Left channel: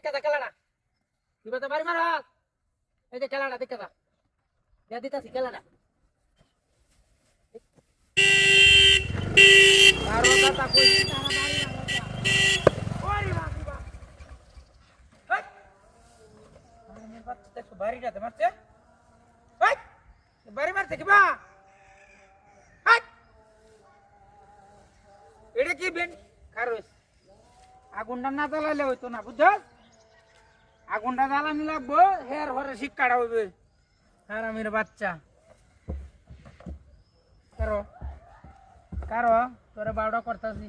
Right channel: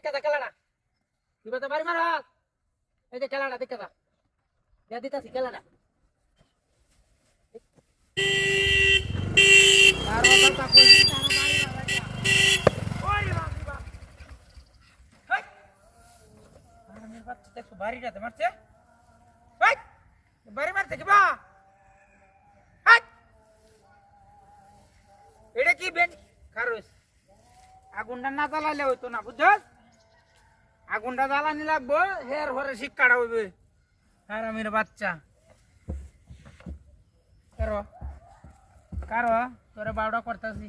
দেখে দা খেলাটা তুই তো বাড়ি মারাস এই যে খেলাটা দেখে দা দিয়া দিতাছি খেলাটা আর দাদা কইছি তারা বাড়ি মারা ওরে বাবা বাবা হাই আর মেরে বাচ্চা দেখো বাড়িটাতে মারছে হাই বাড়ি মারছে কি বা হাই এটা কি বেন কারোস আগুনটা না জ্বালাইলে হইতো না বুঝছস আগুনটা জ্বালানি লাগবো হের ঘরে শিক্ষাটা হইবে হারামির বাচ্চা কারো কারো তোরে বারোটা করতেছি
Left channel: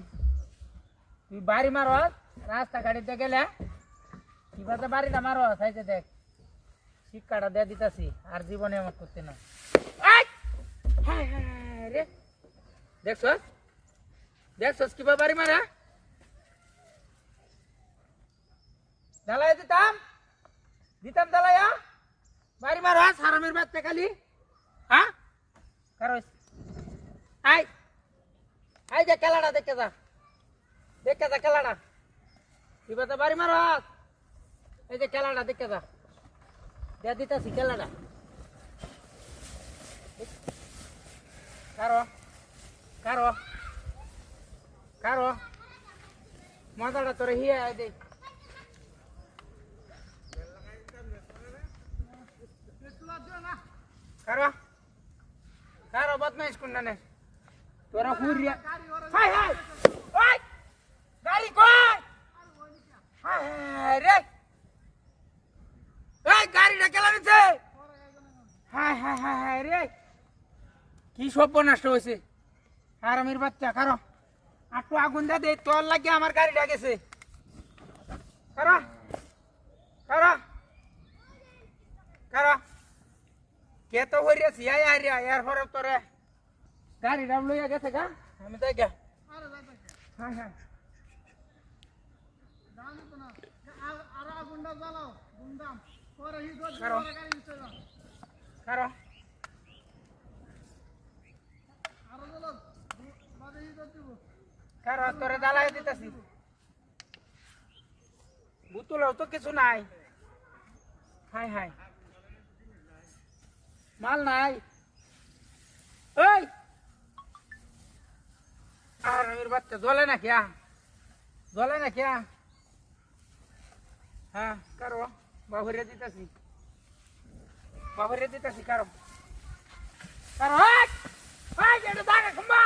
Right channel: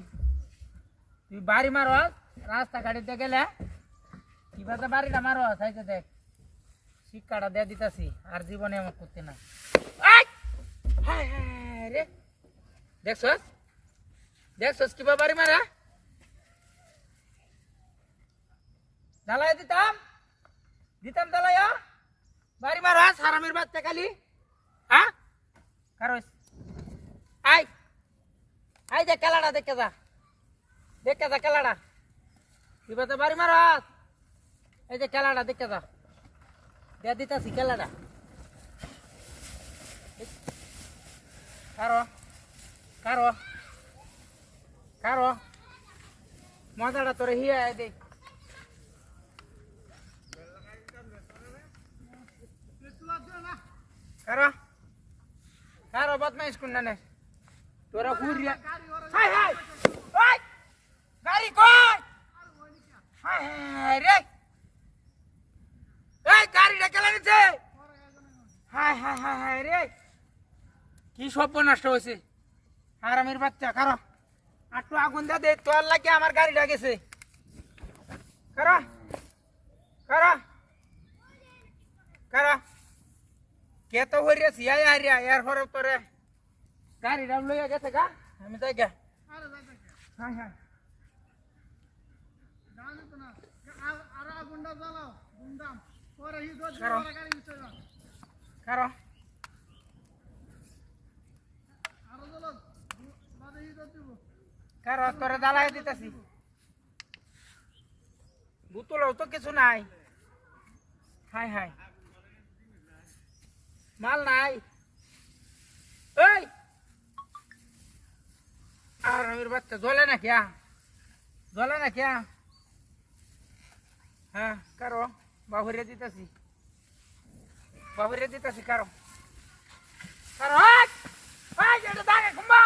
তুই বাড়ি মারস রাস্তা গাড়িতে গেলে কিভাবে বাড়িটা মারস হাইতে দেখ শিক্ষাটা দিয়ে দিতেছি আর জীবনে এমন করতে না রে দেখছস দেখছস কিভাবে বাড়ি মারা জ্বালাই দিতাম দিতাম জ্বালাইয়া বাড়ি মারাস হারামির বাচ্চা খালি হ্যাঁ কারো আই আই যে খেলাটা দেখে যা খেলাটা তুই তো বাড়ি মারাস এই যে খেলাটা দেখে যা দিয়া দিতাছি খেলাটা কারো কারো কারো মজাটা তোরে হিয়া দে কারো কারো বদমাইশ কোন না তোরা ঘুরিয়া হাই হাই ওই গাড়ি কই হাই হাই রে এই গাড়িটা কেলা নিছে হাই হাই হাই হাই রে কি সব নষ্ট হয়েছে হারামির বাচ্চা কারো আটটু আগুন দে তোর লাগে আমার গাড়িটা গেছে কারো কারো কারো কে তো হইয়াছি আয় হারিয়া এর পরে তোরে গাড়িটা লইয়া গেছে গা আমি তাই গা হ্যাঁ হ্যাঁ কারো কারো তোরে জ্বালাই দিতেছি বুতুলাও তো কিছু নাই হাই হাই মাল নাই এই আর মের বাচ্চা জ্বলে না क्या জ্বলে না क्या হ্যাঁ কারো বাহুরে দিতেছি কারো কারো এটা দাঁড়ে খুম্বা